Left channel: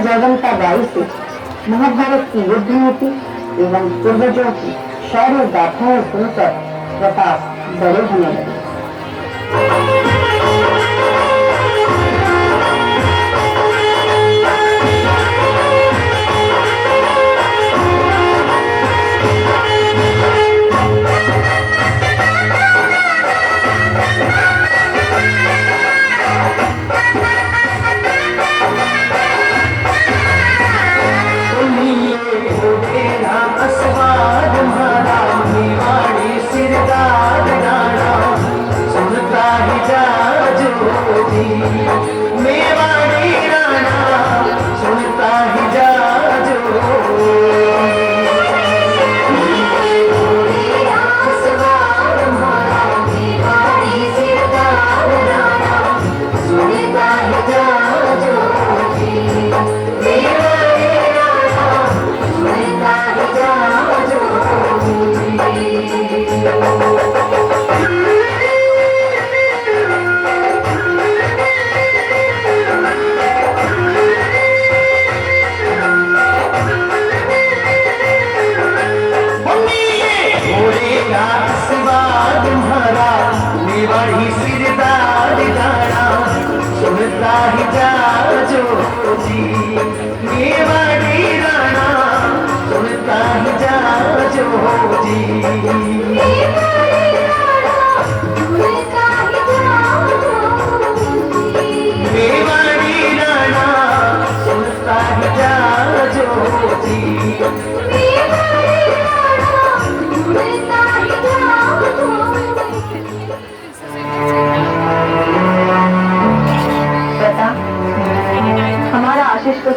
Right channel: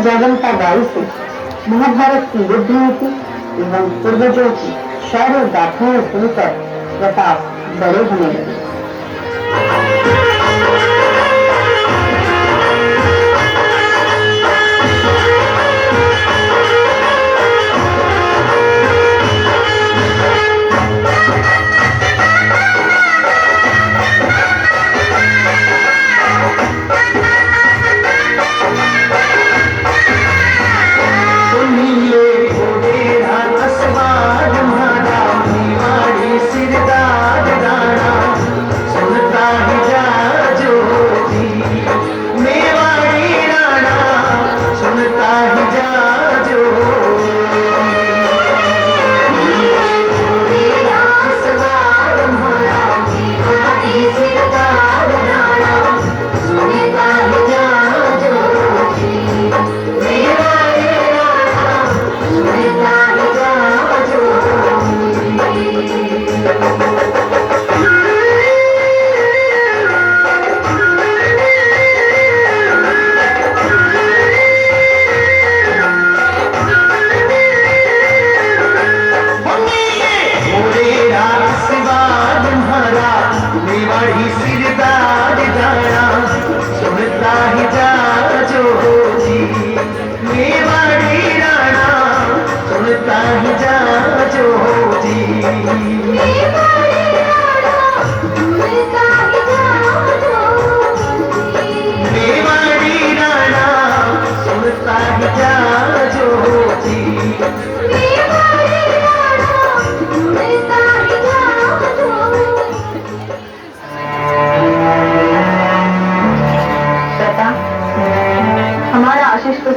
Jaiwanta by से महाभारत की युद्ध नीति एवं पूर्वजों की शौर्य गाथाएं सुनकर प्रताप बड़े होने लगे।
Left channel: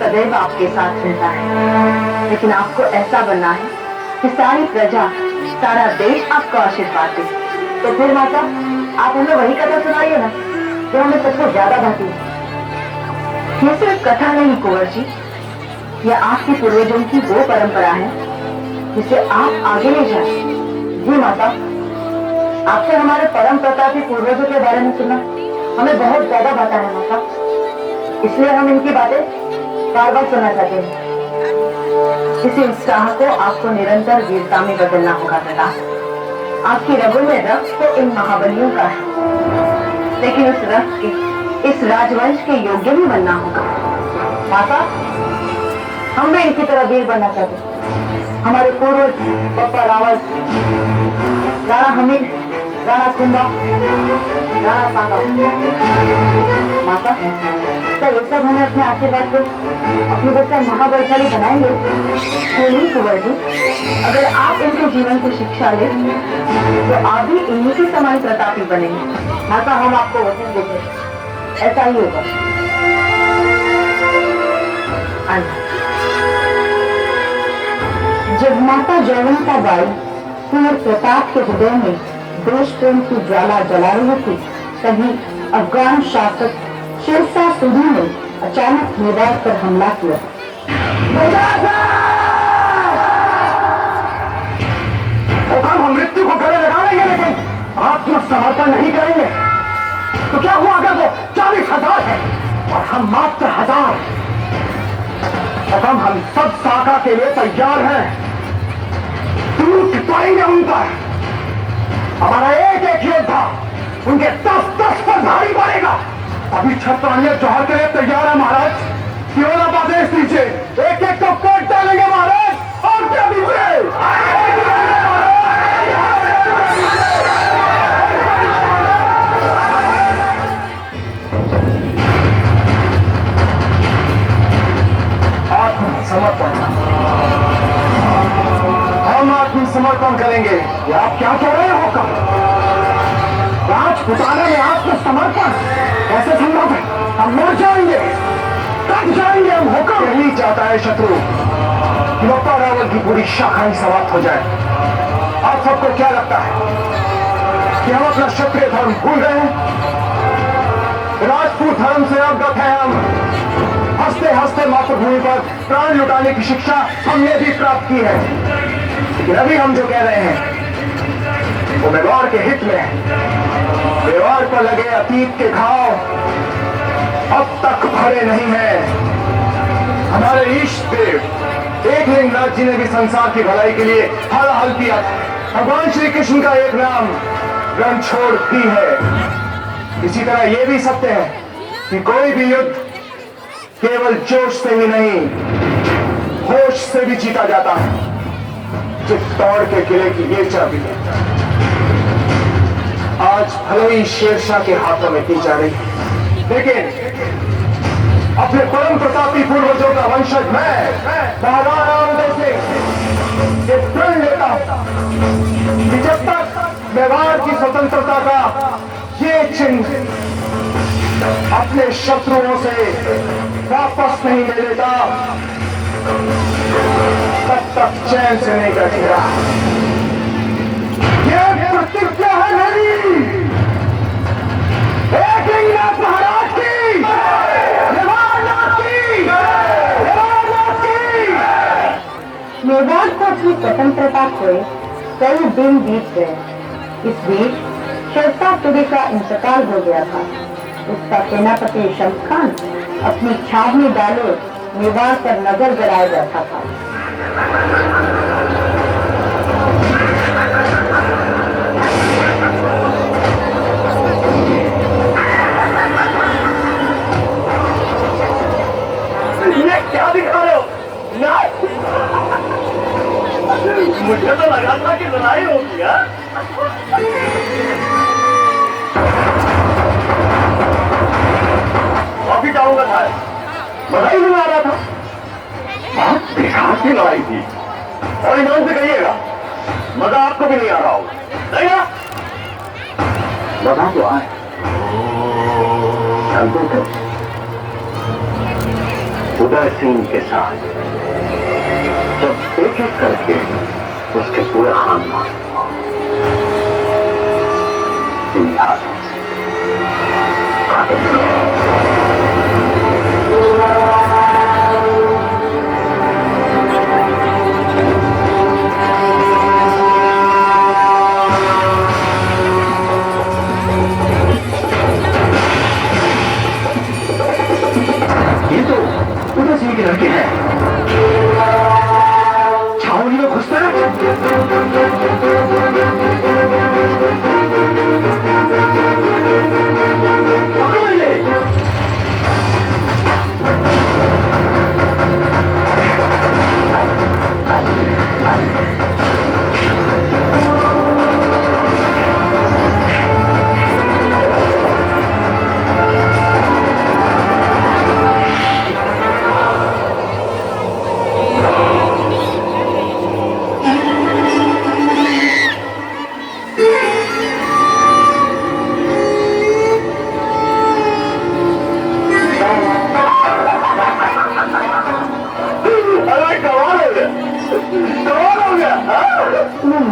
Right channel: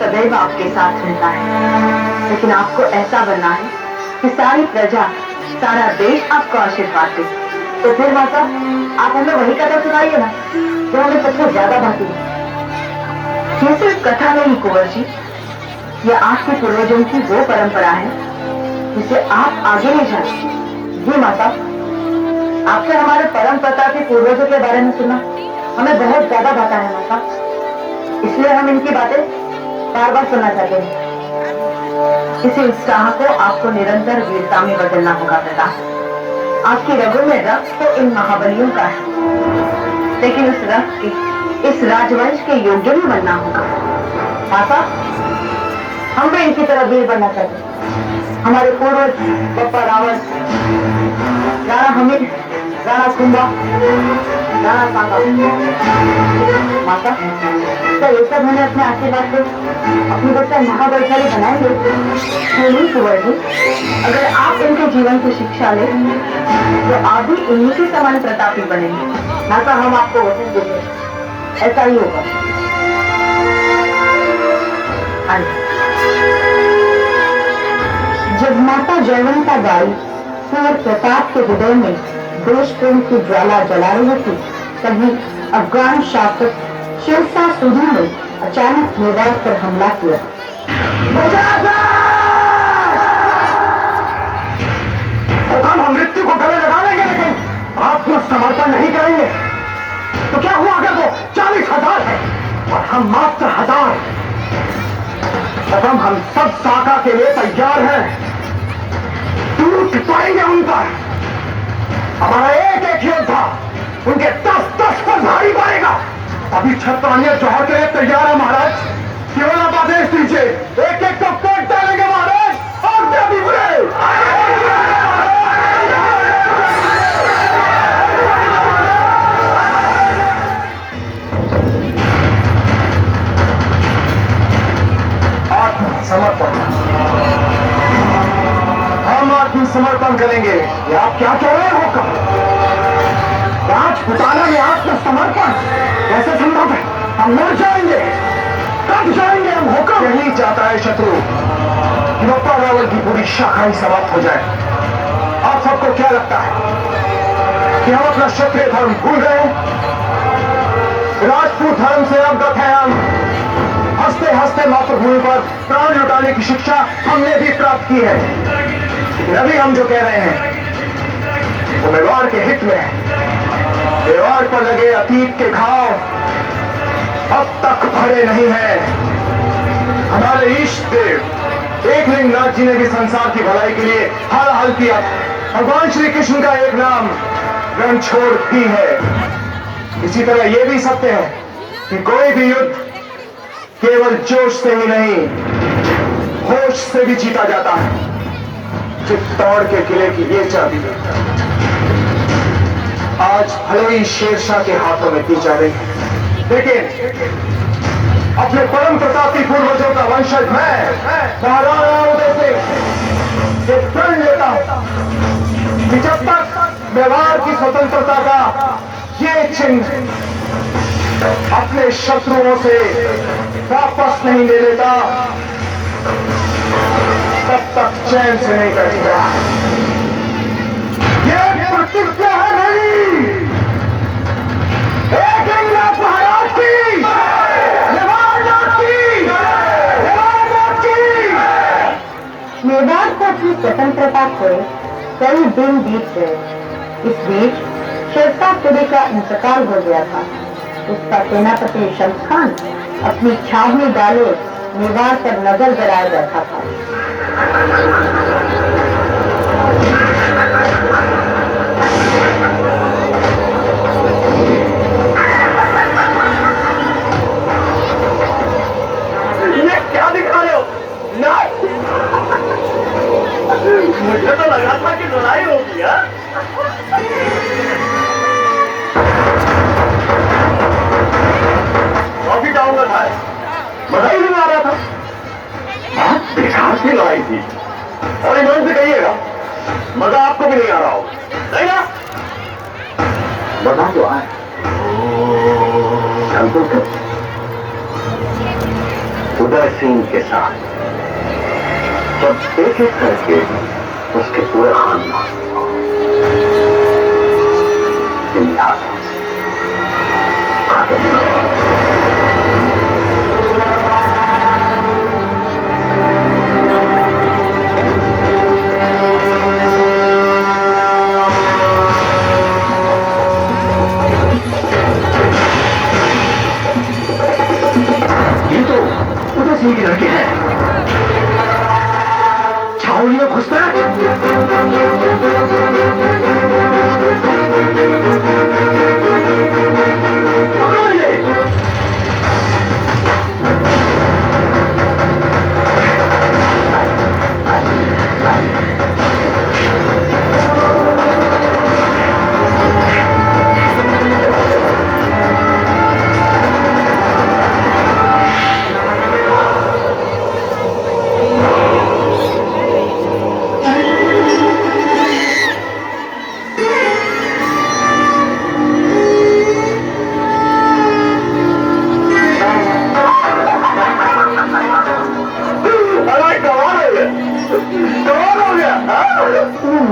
सदैव आपके साथ रहता है, लेकिन आपको ऐसा बनना है कि सारी प्रजा, सारा देश आपको आशीर्वाद दे। तो फिर माता, आप हमें वही कथा सुनाइए ना जो हमें सबसे ज्यादा भाती है। ये सिर्फ कथा नहीं कुंवर जी, यह आपके पूर्वजों की वो परंपरा है जिसे आप आगे ले जाए। जी माता, आपसे हमारे परम पिता के पूर्वजों के बारे में सुना हमें बहुत ज्यादा भाता है माता, इसलिए हम इनकी बातें बार बार सुनना चाहते हैं। इसी उत्साह को आपको निरंतर वीरता में बदलना होगा पिता। आपकी रगों में रक्त तो इन महाबलियों का है, लेकिन इस रक्त के, इस राजवंश के योग्य भी बनना होगा। माता, हम भी इनकी तरह वीर बनना चाहते हैं। हमारे पूर्वज पप्पा रावण, राणा हमीर, राणा कुंभा, राणा सांबा। माता, तो ये सब हमें अपने आशीर्वाद से अपने बच्चे महाबलशाली बनाएंगे। नहीं कुंवर जी, अगर आप इनके जीवन की शिक्षा ले तो आप भी इन्हीं के समान प्रतापी बनेंगे। माता, हम आपको वचन देते हैं, ऐसा ही होगा। जब माता जयवंता बाई कुंवर प्रताप के हृदय में देश प्रेम की ज्वाला जला रही थी, तभी अफगान शासक शेरशाह सूरी ने अचानक मैदान पर हमला किया। तो हम मृत्यु को गले लगा लेंगे, लेकिन आत्मसमर्पण नहीं करेंगे। तो क्या हुआ अगर वो 40,000 है और हम मात्र 1000? हम सब साका के लिए तैयार हैं। टूट पाएंगे उनका। हमारा एक एक योद्धा उनके 10-10 पर भारी पड़ेगा। अभी छत्रानिया जौहर के लिए तैयार है महाराज। केवल आप आदेश दीजिए, एक एक को काट डालेंगे महाराज। और क्या दीजिए? आत्मसमर्पण, हम आत्मसमर्पण करेंगे। ये आप क्या कह रहे हो? राजपुताना में आत्मसमर्पण कैसे संभव है? हम मर जाएंगे। कब जाएंगे हम? होकर यही चाहता है शत्रु, नौका रावल की पूरी शाखा ही समाप्त हो जाए। आप सबको क्या लगता है कि हम अपना क्षत्रिय धर्म भूल गए हैं? राजपूत धर्म से अवगत है हम। हंसते हंसते मातृभूमि पर प्राण लुटाने की शिक्षा हमने भी प्राप्त की है। लेकिन अभी हम जो कह रहे हैं वो व्यवहार के हित में है। व्यवहार पर लगे अतीत के घाव अब तक भरे नहीं है। देव एकलिंगनाथ जी ने भी संसार की भलाई के लिए हर हाल किया। भगवान श्री कृष्ण का एक नाम रणछोड़ भी है। इसी तरह यह भी सत्य है कि कोई भी युद्ध केवल जोश से ही नहीं, होश से भी जीता जाता है। चित्तौड़ के किले की ये चाबी आज भले ही शेरशाह के हाथों में दी जा रही है, लेकिन अपने परम प्रतापी पूर्वजों का वंशज मैं महाराणा उदय सिंह ये प्रण लेता हूं कि जब तक मेवाड़ की स्वतंत्रता का ये चिन्ह अपने शत्रुओं से वापस नहीं ले लेता, तब तक चैन से नहीं बैठेगा। ये प्रतिज्ञा है मेरी एकलिंगनाथ महाराज की, मेवाड़ को अपनी स्वतंत्रता को कई दिन बीत गए। इस बीच शेरशाह सूरी का इंतकाल हो गया था। उसका सेनापति शम्स खान अपनी छावनी डालो मेवाड़ पर नजर गड़ाए बैठा था। ये क्या दिखा रहे हो? मुझे तो लगा था कि लड़ाई हो गया। अभी जाऊंगा साहब, मजा ही नहीं आ रहा था। आप बेकार की लड़ाई थी और ईमान से कहिएगा मजा आपको भी नहीं आ रहा हो, नहीं ना? मजा तो आए उदय सिंह के साथ जब एक एक करके उसके पूरे खानदान सिंह की लड़की है। छावनी में घुसते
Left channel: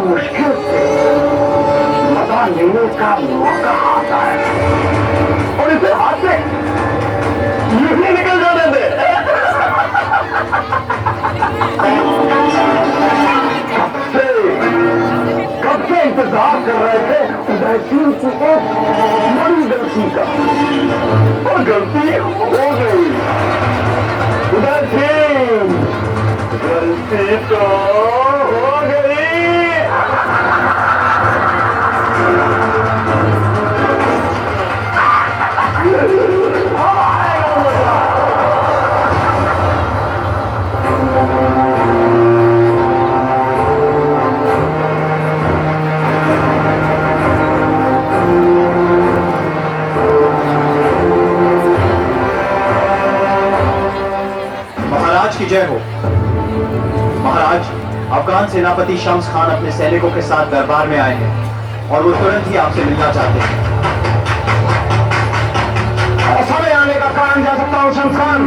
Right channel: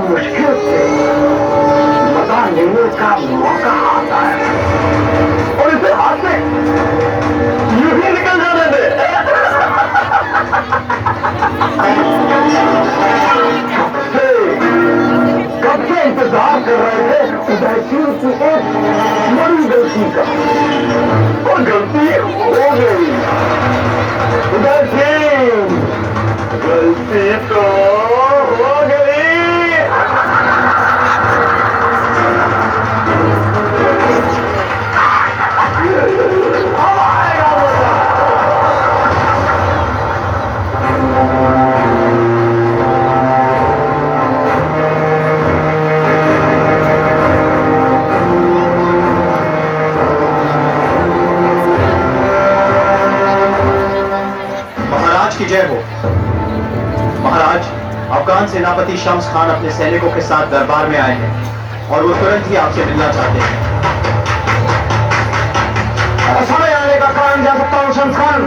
मुश्किल से मजा लेने का मौका आता है और इसे हाथ से यूं ही निकल जाने दे। कब से इंतजार कर रहे थे उदय सिंह की एक बड़ी गलती का, और गलती हो गई। उदय सिंह गलती तो हो गई। महाराज की जय हो। महाराज, अफगान सेनापति शम्स खान अपने सैनिकों के साथ दरबार में आए हैं और वो तुरंत ही आपसे मिलना चाहते हैं। समय आने का कारण जा सकता हूं शम्स खान।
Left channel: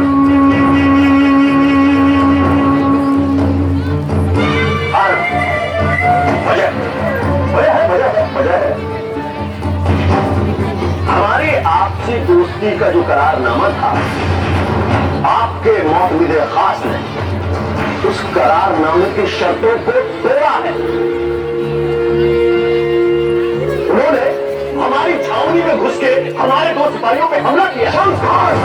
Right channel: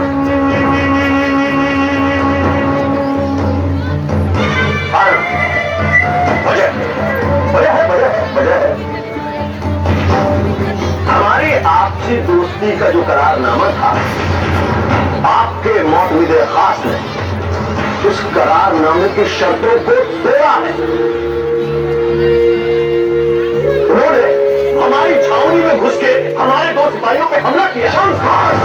हमारी आपसी दोस्ती का जो करारनामा था, आपके मौजूदा खास ने उस करारनामे की शर्तों को तोड़ा है। उन्होंने हमारी छावनी में घुस के हमारे दो सिपाहियों पे हमला किया। शम्स खान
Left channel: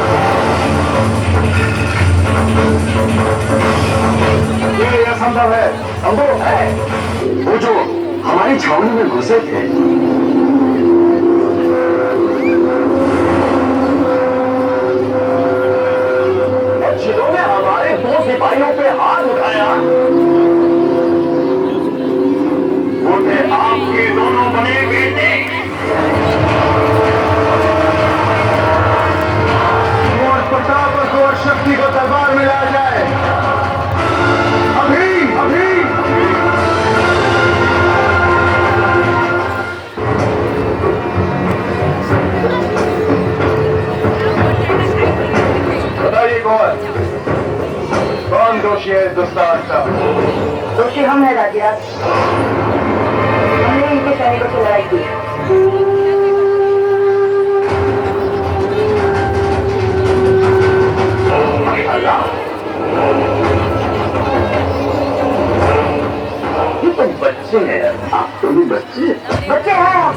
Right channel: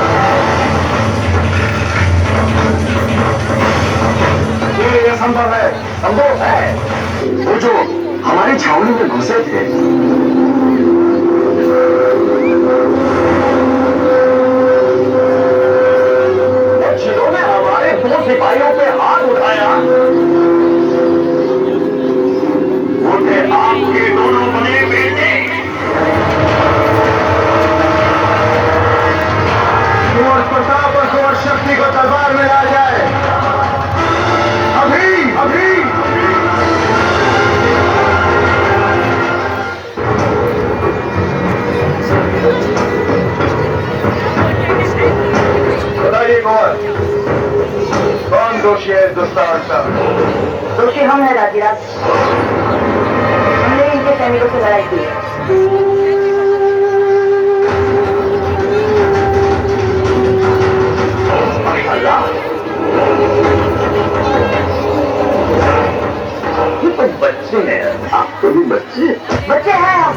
ये संभव है, संभव है। वो जो हमारी छावनी में घुसे थे, जिन्होंने हमारे 2 सिपाहियों पे हाथ उठाया, वो थे आपके दोनों बड़े बेटे। और प्रताप और शक्ति को दरबार में ला जाए, अभी अभी। बताइए कौन दोषी है दुस्साहस का? दोषी हम है राजीराज। हमने इनके सैनिकों से लड़ाई की है। ये तो बच्चे हैं, आप तो भी बच्चे। बच्चे हैं हम,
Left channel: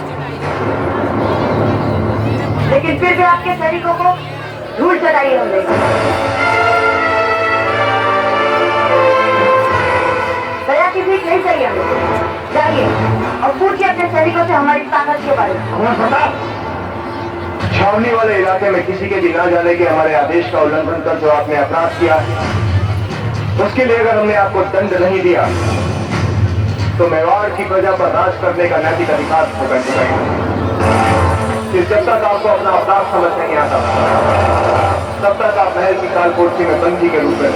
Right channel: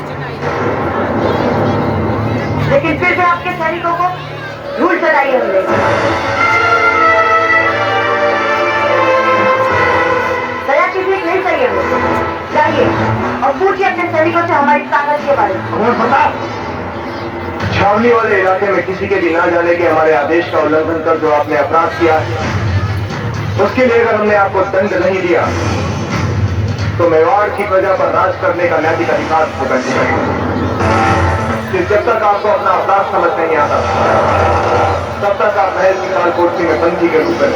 लेकिन फिर भी आपके सैनिकों को धूल चढ़ाई हमने। दया की भीख नहीं चाहिए हमें। जाइए और पूछिए अपने सैनिकों से हमारी ताकत के बारे में। छावनी वाले इलाके में किसी के भी ना जाने के हमारे आदेश का उल्लंघन कर जो आपने अपराध किया, उसके लिए अगर हमने आपको दंड नहीं दिया तो मेवाड़ की प्रजा पर राज करने का नैतिक अधिकार को कैसे करेंगे? जब तक आपको अपना अपराध समझ नहीं आता तब तक आप महल की कालकोठरी में बंदी के रूप में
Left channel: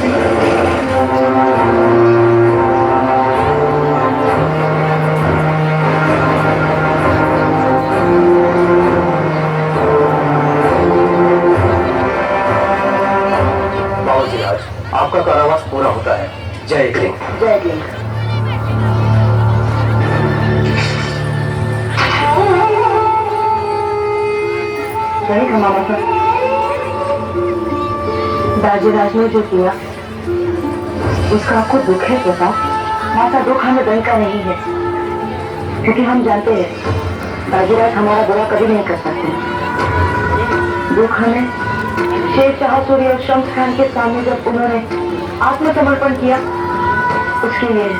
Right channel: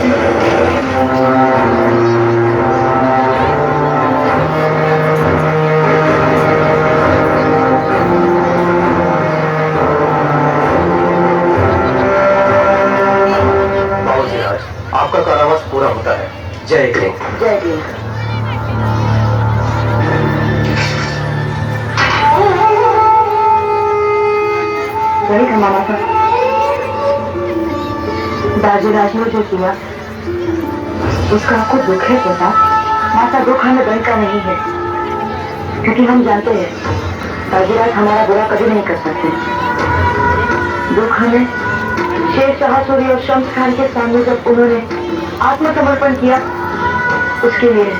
आपका कारावास पूरा होता है। जय हिंद। जय हिंद। वही हमारा था। राजीराज ने जो किया उसका आपको दुख है पता? माता दुख हमें बैंक का नहीं है, क्योंकि हम जानते हैं राजीराज हमारा बुरा कभी नहीं कर सकते। दुख हमें शेर शाह सूरी और शम्स खान के सामने जब उन्होंने आत्मसमर्पण किया उसके लिए।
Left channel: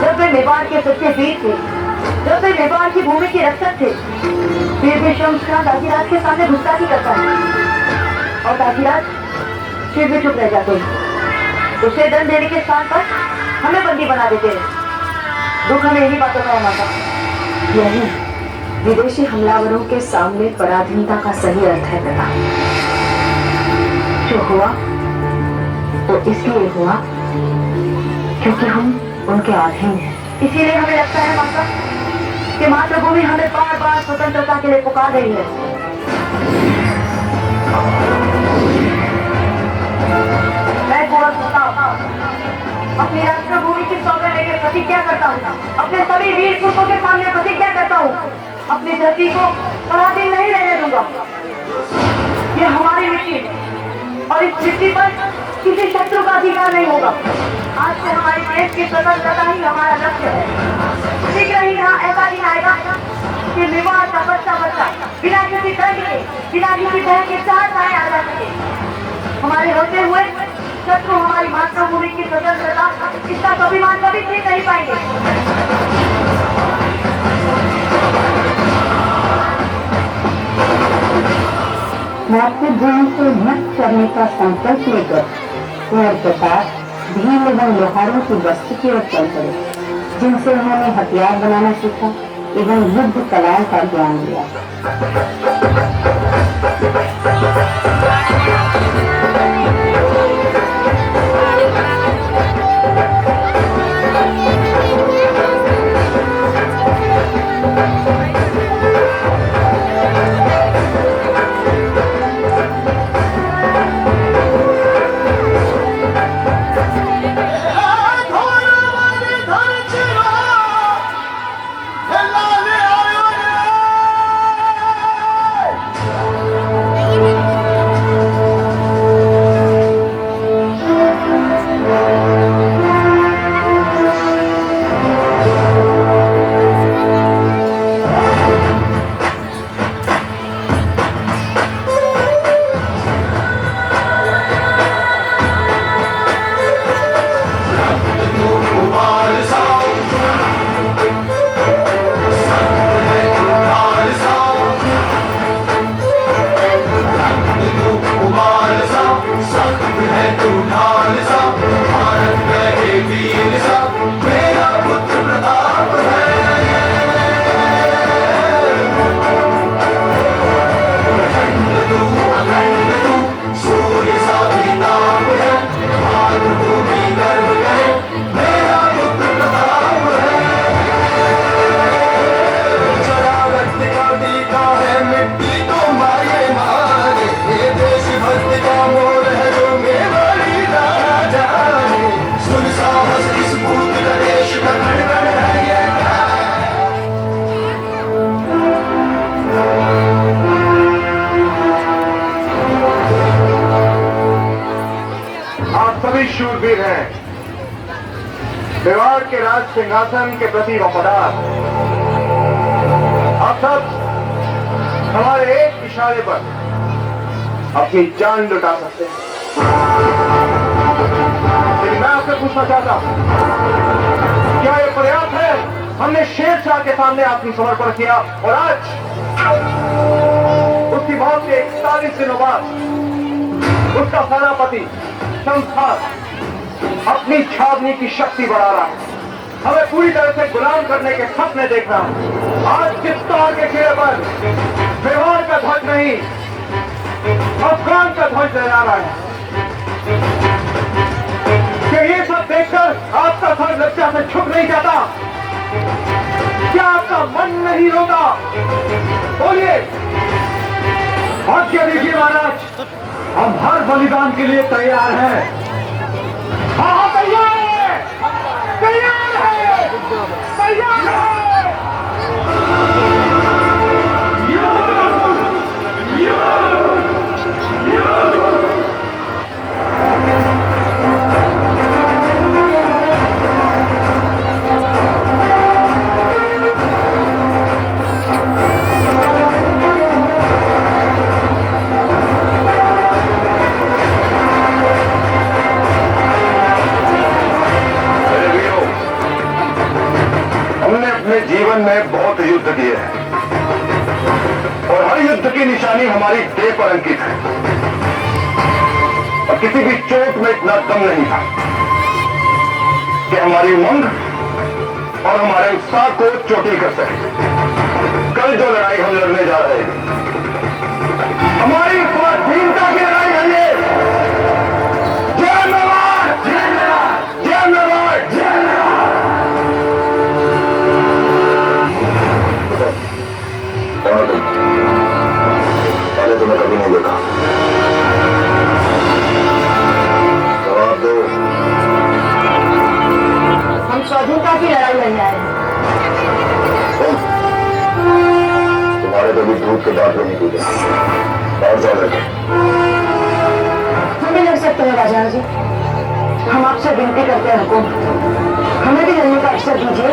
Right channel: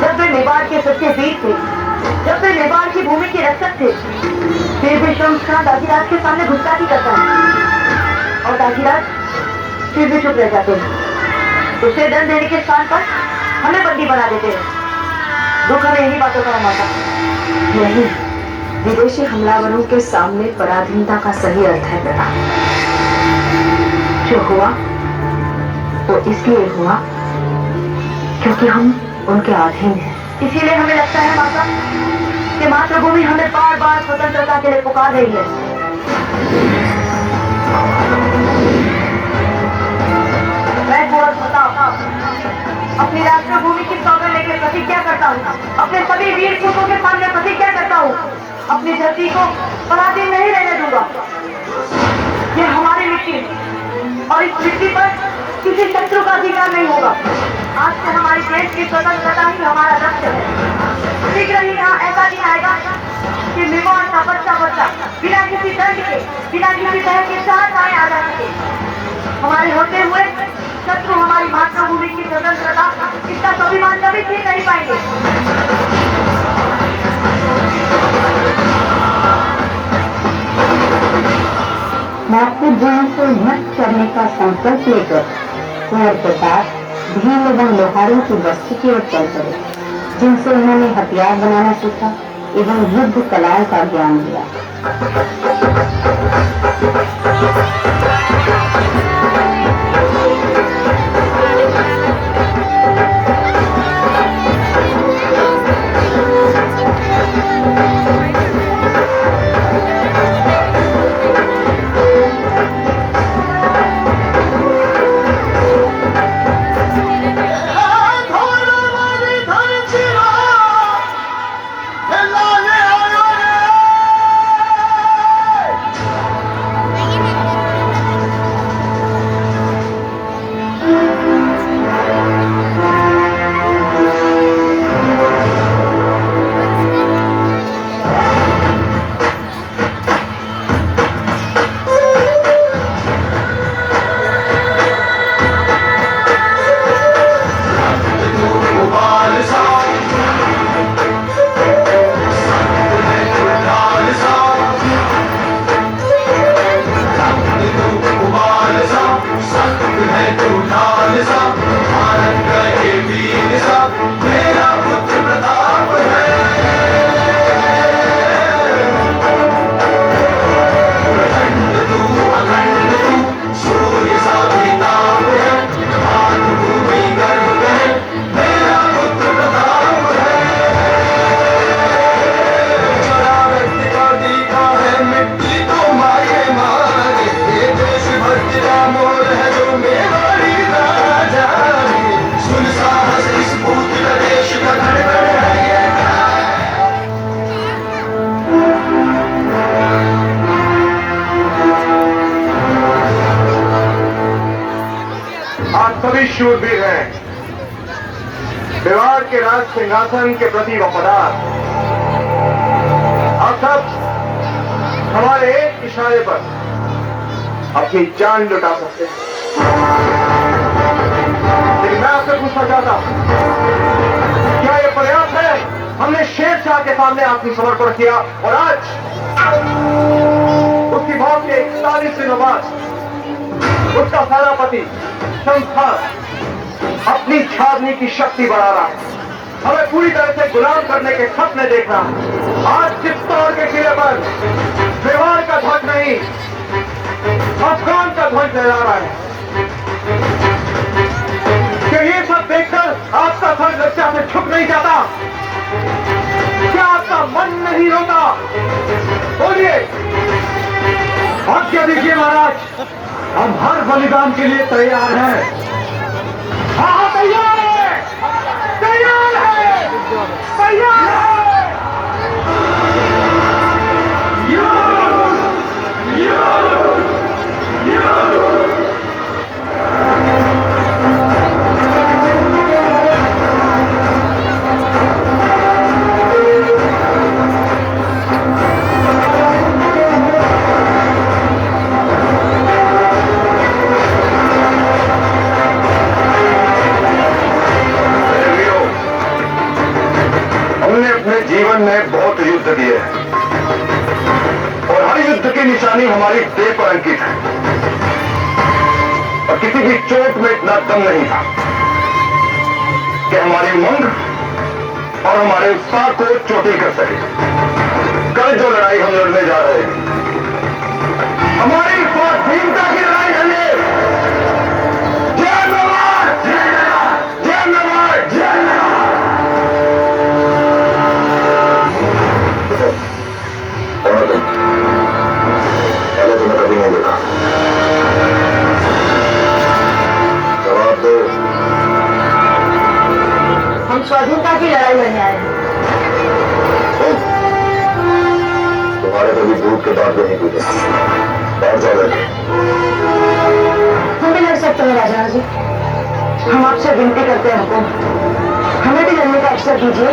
जब वे मेवाड़ के सच्चे वीर थे, जब वे मेवाड़ की भूमि के रक्षक थे, फिर भी शम्स खान राजीराज के सामने गुस्ताखी करता है और राजीराज फिर भी चुप रह जाते हैं। उसे दंड देने के स्थान पर हमें बंदी बना देते हैं। दुख हमें यही बातों का माता। यही विदेशी हमलावरों के सामने पराधीनता का सही अर्थ है बेटा। जो हुआ तो इसलिए हुआ क्योंकि हम उनके अधीन हैं। इसीलिए हमें लगता है माता कि मातृभूमि हमें बार बार स्वतंत्रता के लिए पुकार रही है। मैं अपनी राष्ट्रभूमि की सौगंध लेकर प्रतिज्ञा करता हूँ, अपने सभी वीर पुरुषों के सामने प्रतिज्ञा करता हूँ, अपनी धरती को पराधीन नहीं रहने दूंगा। ये हमारी मिट्टी और इस मिट्टी पर किसी शत्रु का अधिकार नहीं होगा। आज से हमारी देश की स्वतंत्रता ही हमारा लक्ष्य है। शीघ्र ही ना ऐसा दिन आएगा कि मेवाड़ का बच्चा बिना किसी दंड के, बिना किसी बहन के साथ आए आ जा सके। हमारे होते हुए शत्रु हमारी मातृभूमि की स्वतंत्रता, इसका स्वाभिमान कभी जीत नहीं पाएंगे। मैं अपने जीवन को नष्ट करने का संकल्प लेकर कुंवर प्रताप भीम एवं लोहारों की बस्ती की ओर चल पड़े, जिनसे उन्होंने हथियार बनाना सीखा एवं युद्ध कलाओं का ज्ञान लिया। आप सभी शूरवीर हैं, मेवाड़ के राज सिंहासन के प्रति वफादार। आप सब हमारे एक इशारे पर अपनी जान लुटा सकते हैं। लेकिन मैं आपसे पूछना चाहता हूं, क्या यह पर्याप्त है? हमने शेर शाह के सामने आपकी समर्पण किया और आज उसकी मौत के 41 दिनों बाद उसका सेनापति संस्थान अपनी छावनी की शक्ति बढ़ा रहा है, हमें पूरी तरह से गुलाम करने के सपने देख रहा है। आज चित्तौड़ के किले पर मेवाड़ का ध्वज नहीं, अफगान का ध्वज लहरा रहा है। क्या ये सब देखकर आपका सर लज्जा से झुक नहीं जाता? क्या आपका मन नहीं रोता? बोलिए, आज्ञा दीजिए महाराज, हम हर बलिदान के लिए तैयार हैं। हाँ, तैयार है, तैयार है, तैयार है। जीवन में बहुत युद्ध किए हैं और हर युद्ध की निशानी हमारी देह पर अंकित है और किसी भी चोट में इतना दम नहीं था कि हमारी उमंग और हमारे उत्साह को चोटिल कर सके। कल जो लड़ाई हम लड़ने जा रहे हैं, हमारी स्वाधीनता की लड़ाई है। जय मेवाड़, जय मेवाड़, जय मेवाड़, जय मेवाड़। पहले तो मैं कभी नहीं देखा, जवाब दो। हम स्वाधीनता की लड़ाई लड़ने आए हैं। तुम्हारे कभी दूध के बाद नहीं टूटे, और ज्यादा हम भी लड़ सकते हैं राजा जी, हम आपसे विनती करते हैं, हुकुम हमें भी लड़ने का अवसर दीजिए।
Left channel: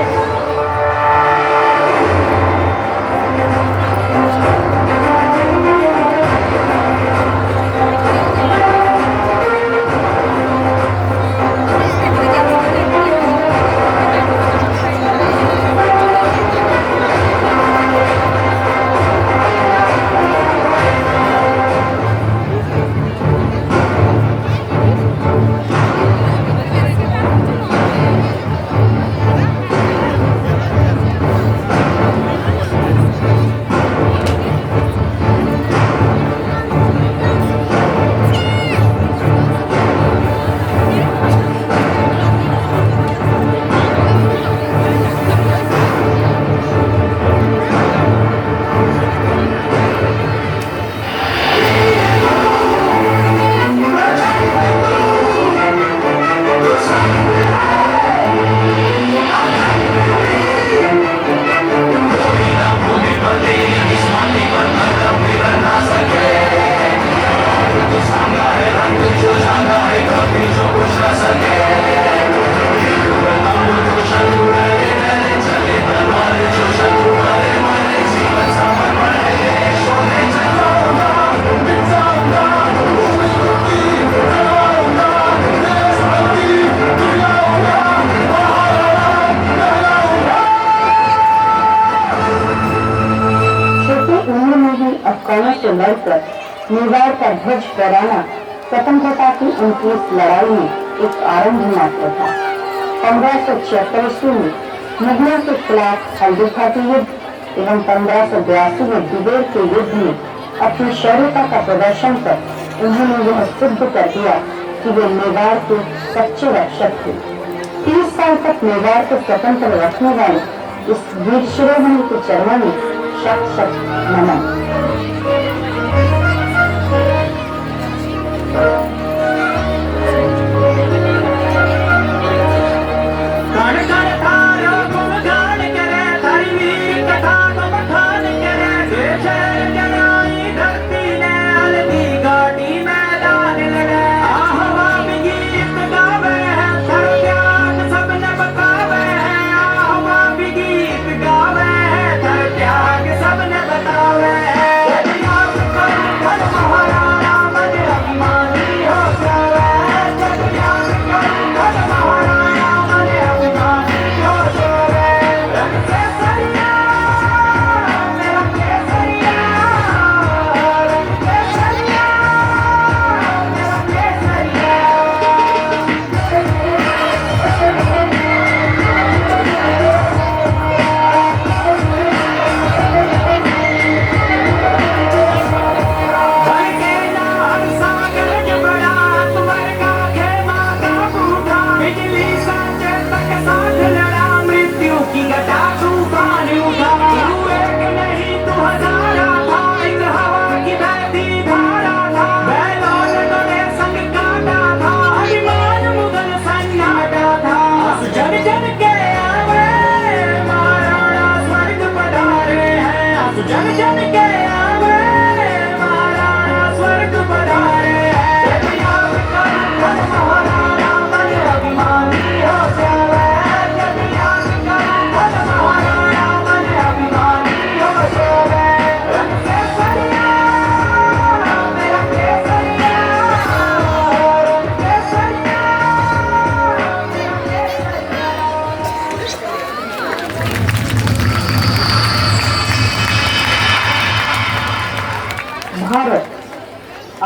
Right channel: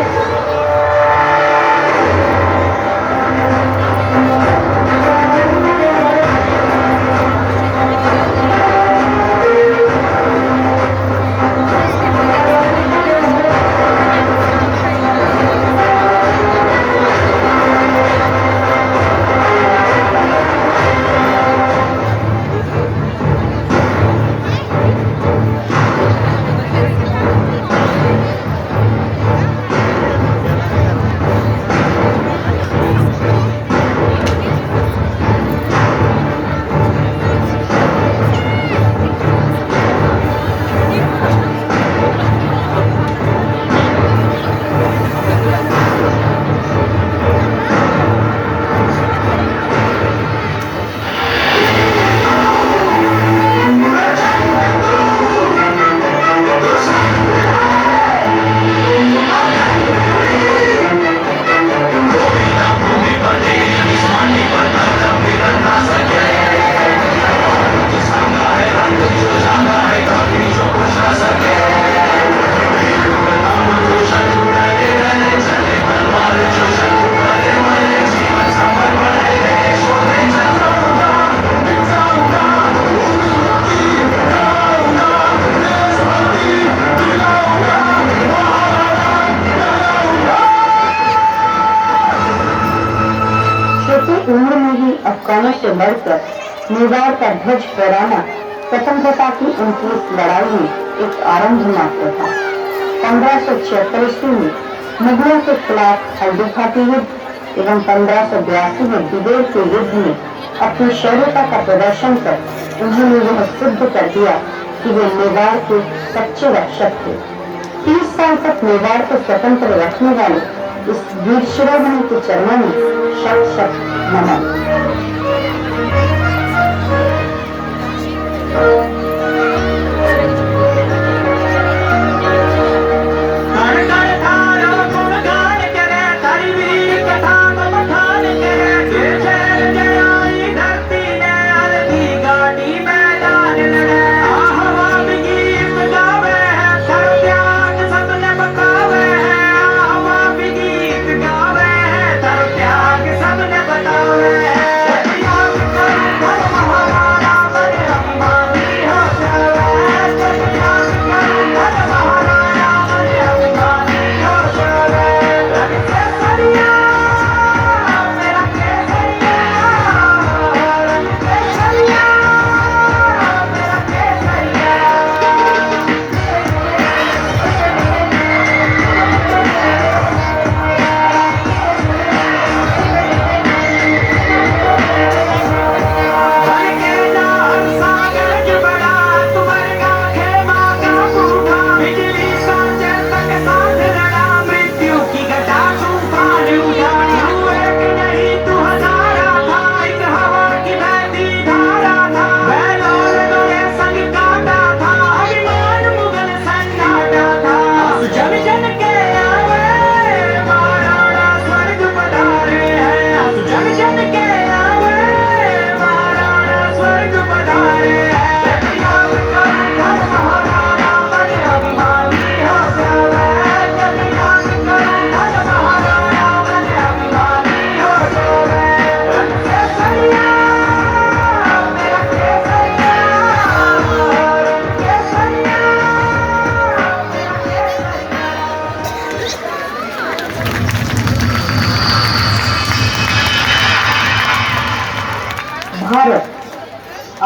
उम्र में ही अफगानों से लड़कर मेवाड़ का ध्वज फहराना स्वतंत्रता की उनकी इस लड़ाई में एक आरंभ मात्र था। 1576 ईस्वी में मुगलों के खिलाफ हल्दुखाती युद्ध एवं 1582 में दिगोर के युद्ध में अपनी शौर्यता का प्रदर्शन कर उन्होंने यह सिद्ध कर दिया कि वे मेवाड़ के सच्चे रक्षक थे। 30 साल तक मेवाड़ को स्वतंत्र रखने वाले इस वीर शिरोमणि के चरणों में शत शत नमन।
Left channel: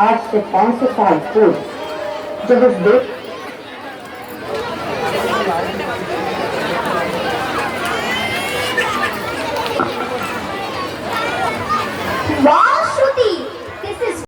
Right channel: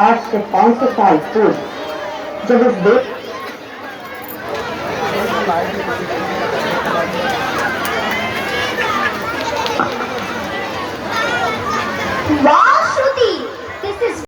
आज से 500 साल पूर्व जब इस देश